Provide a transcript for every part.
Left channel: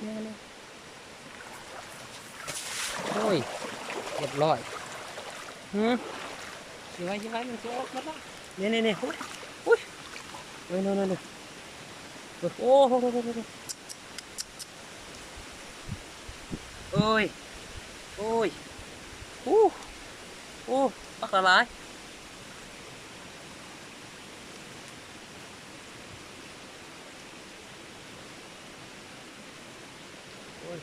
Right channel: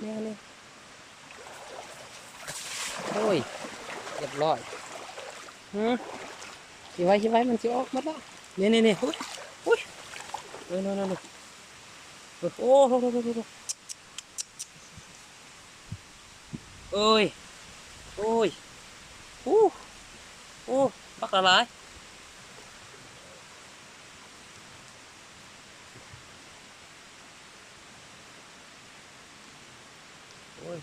เนี่ยโอ้ยเรียบร้อยที่ไว้มันจะออกมาละเนี่ยอุ้ยเฮ้ยนั่นโอ้โหเอ้ยโอ้ยโอ้ปักละลายโอ้ย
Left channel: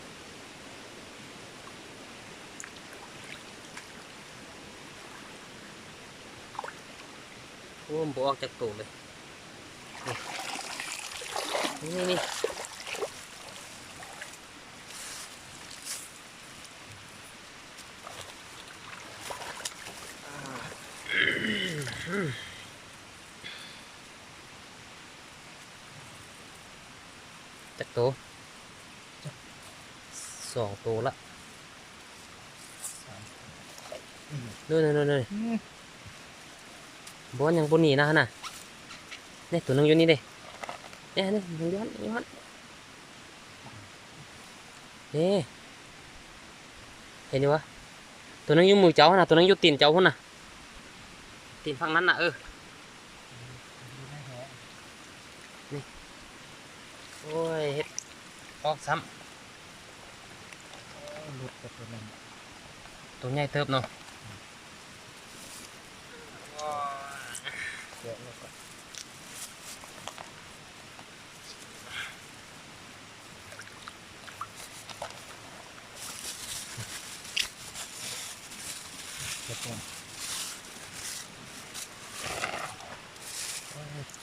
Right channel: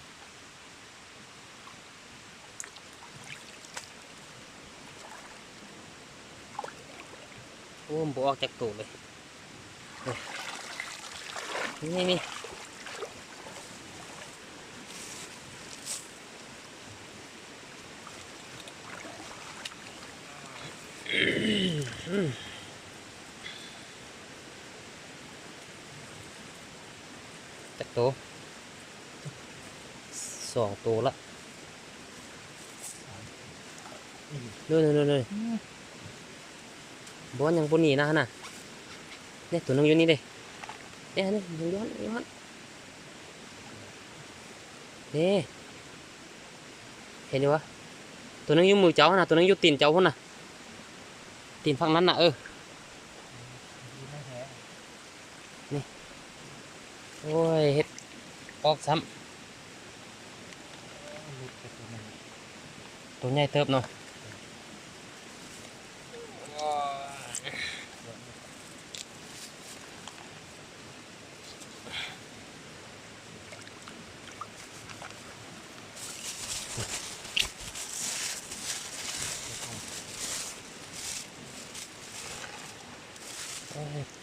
โอ้มันบออกจากตูดเลยนี่จากตัว2 ตัวละนู่นบอลยังบนนี่นะเนี่ยตัวนึงอยู่นี่เด้เนี่ยนี่ย้อนนี่เห็นอยู่วะตัวนึงอยู่มือเจ้านะตัวนึงอยู่ตีนเจ้าพุ่นนะตีนฝั่งนั้นนะนี่โอ้ยเฮ็ดออกซ้ำหลุดไปตัวนึงตัวใหญ่เติบเนาะ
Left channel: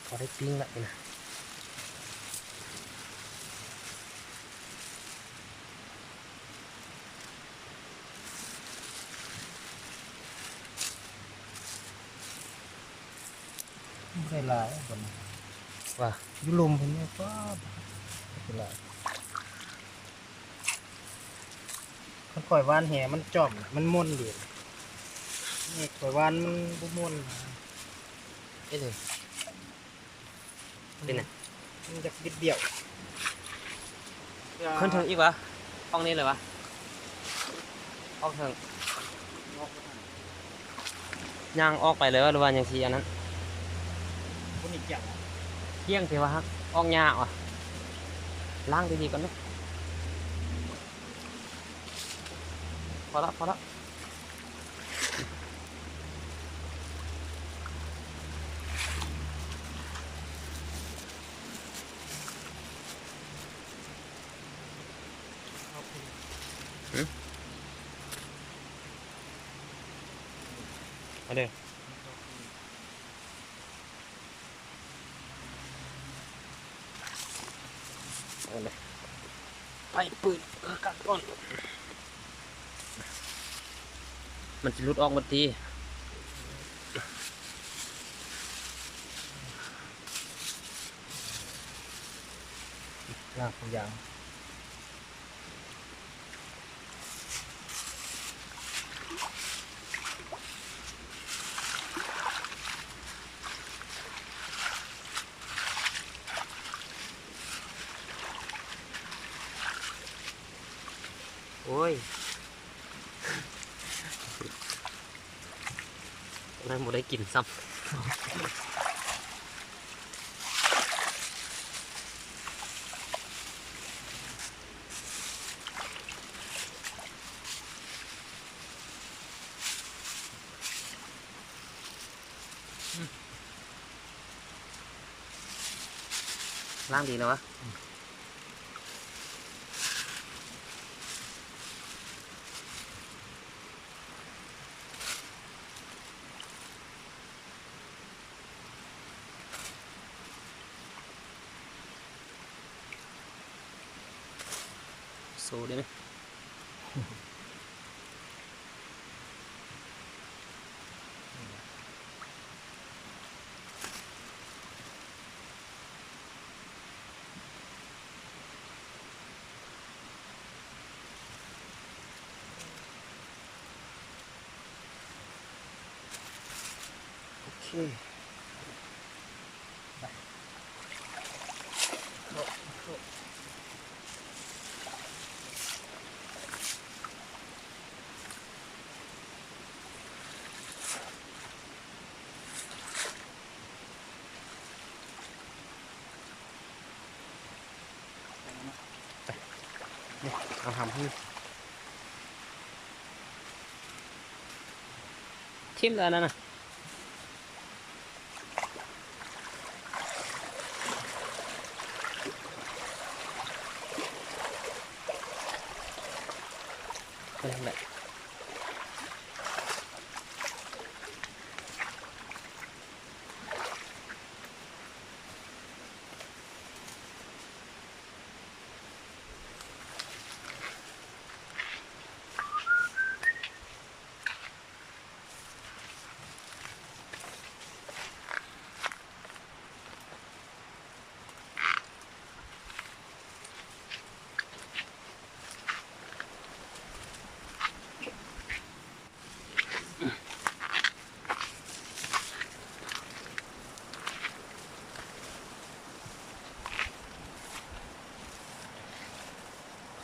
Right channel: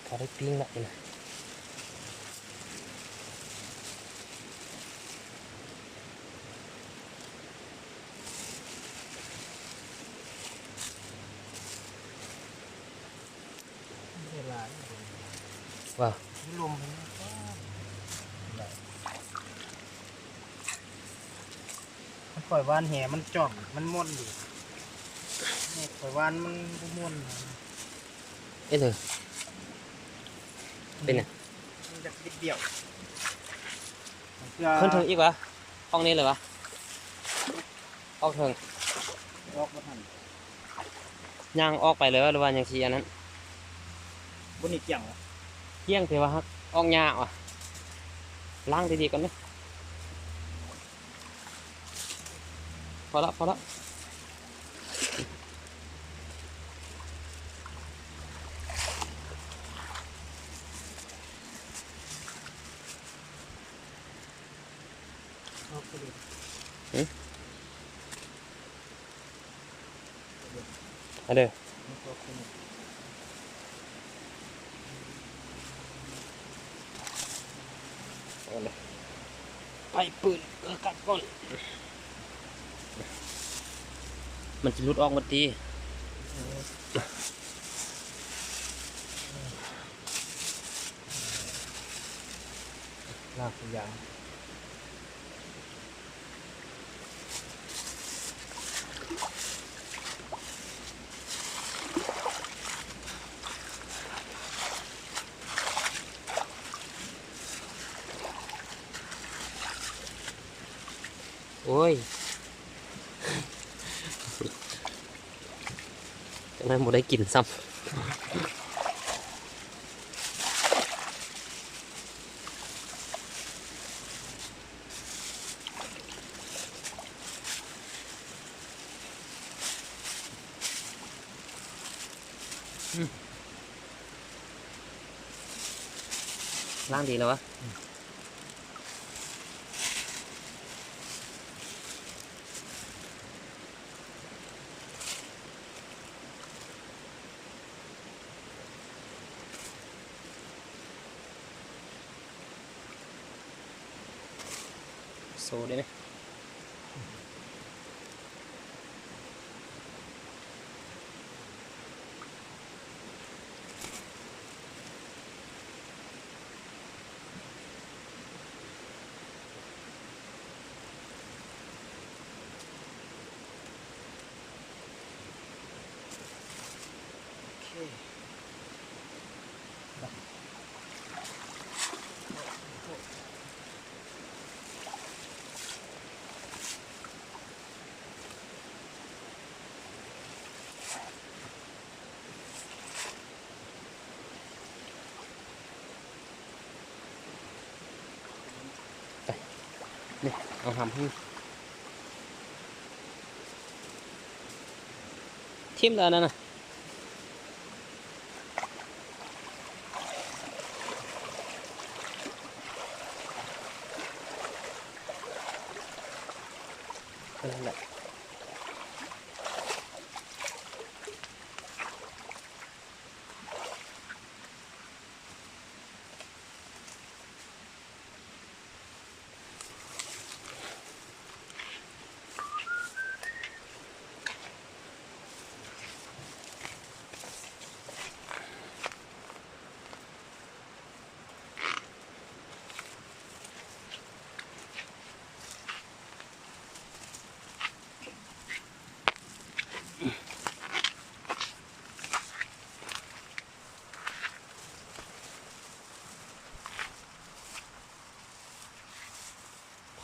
พอได้ปิ้งละนะไม่หลายว่ายุลมผมเนี่ยก็หลายมันข่อยวานแหมันจอมมันม่วนดีนี่ข่อยวานมันบุม่วนนะเอ๊ะเลยเป็นไงมันจะดิดเดี่ยวขึ้นถึงอีกวะห้องนี้เลยวะออกถึงย่างออกไปเลยวะหรือว่าอย่างชีอันนั้นคนอีกอย่างเที่ยงเทวะฮักออกยากว่ะล้างดีๆก่อนไหมพอละเอาเด้อเอาเลยไปปืนกัดก่อนมันจะหลุดออกหมดทีลากตัวอย่างโอ้ยนั่นหมดได้กลิ่นซ้ำล้างดีแล้ววะโซ่ได้ไหมโอเค นี่เอาหำให้ทิ่มแล้วนั่นน่ะนั่นแหละ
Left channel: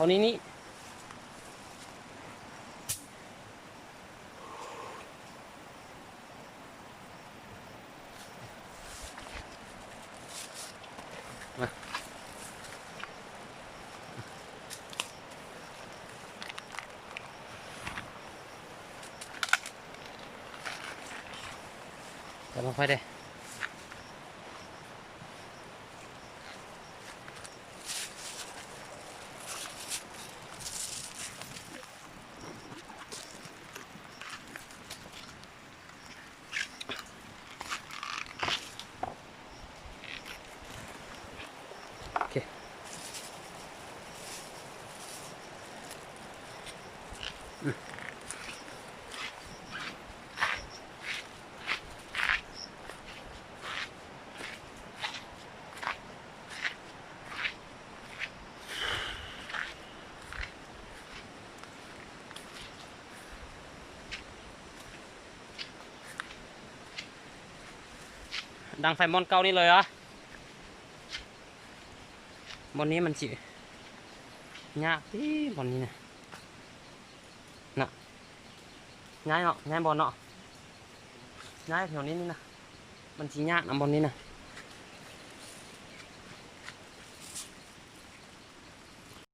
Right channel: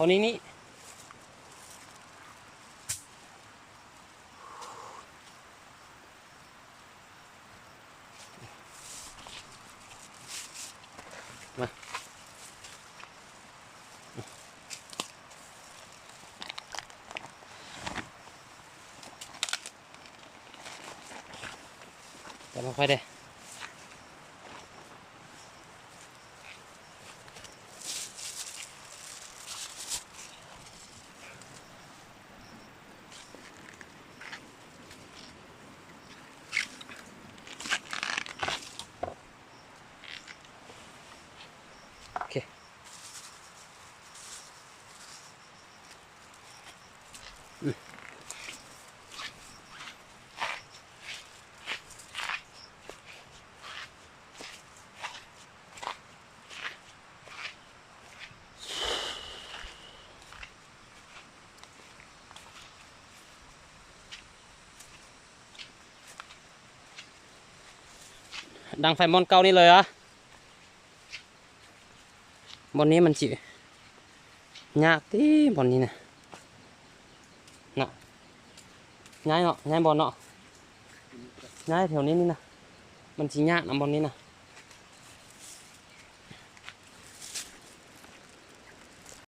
เขานี่มาจะมาค่อยได้โอเคดังไฟมอนเก่านี่เลยเหรอ บนนี้มันจิยากที่บนนี้นะน่ะย้ายเนาะย้ายบอลเนาะย้ายแถวนี้นี่นะมันจิยากนะบนนี้นะ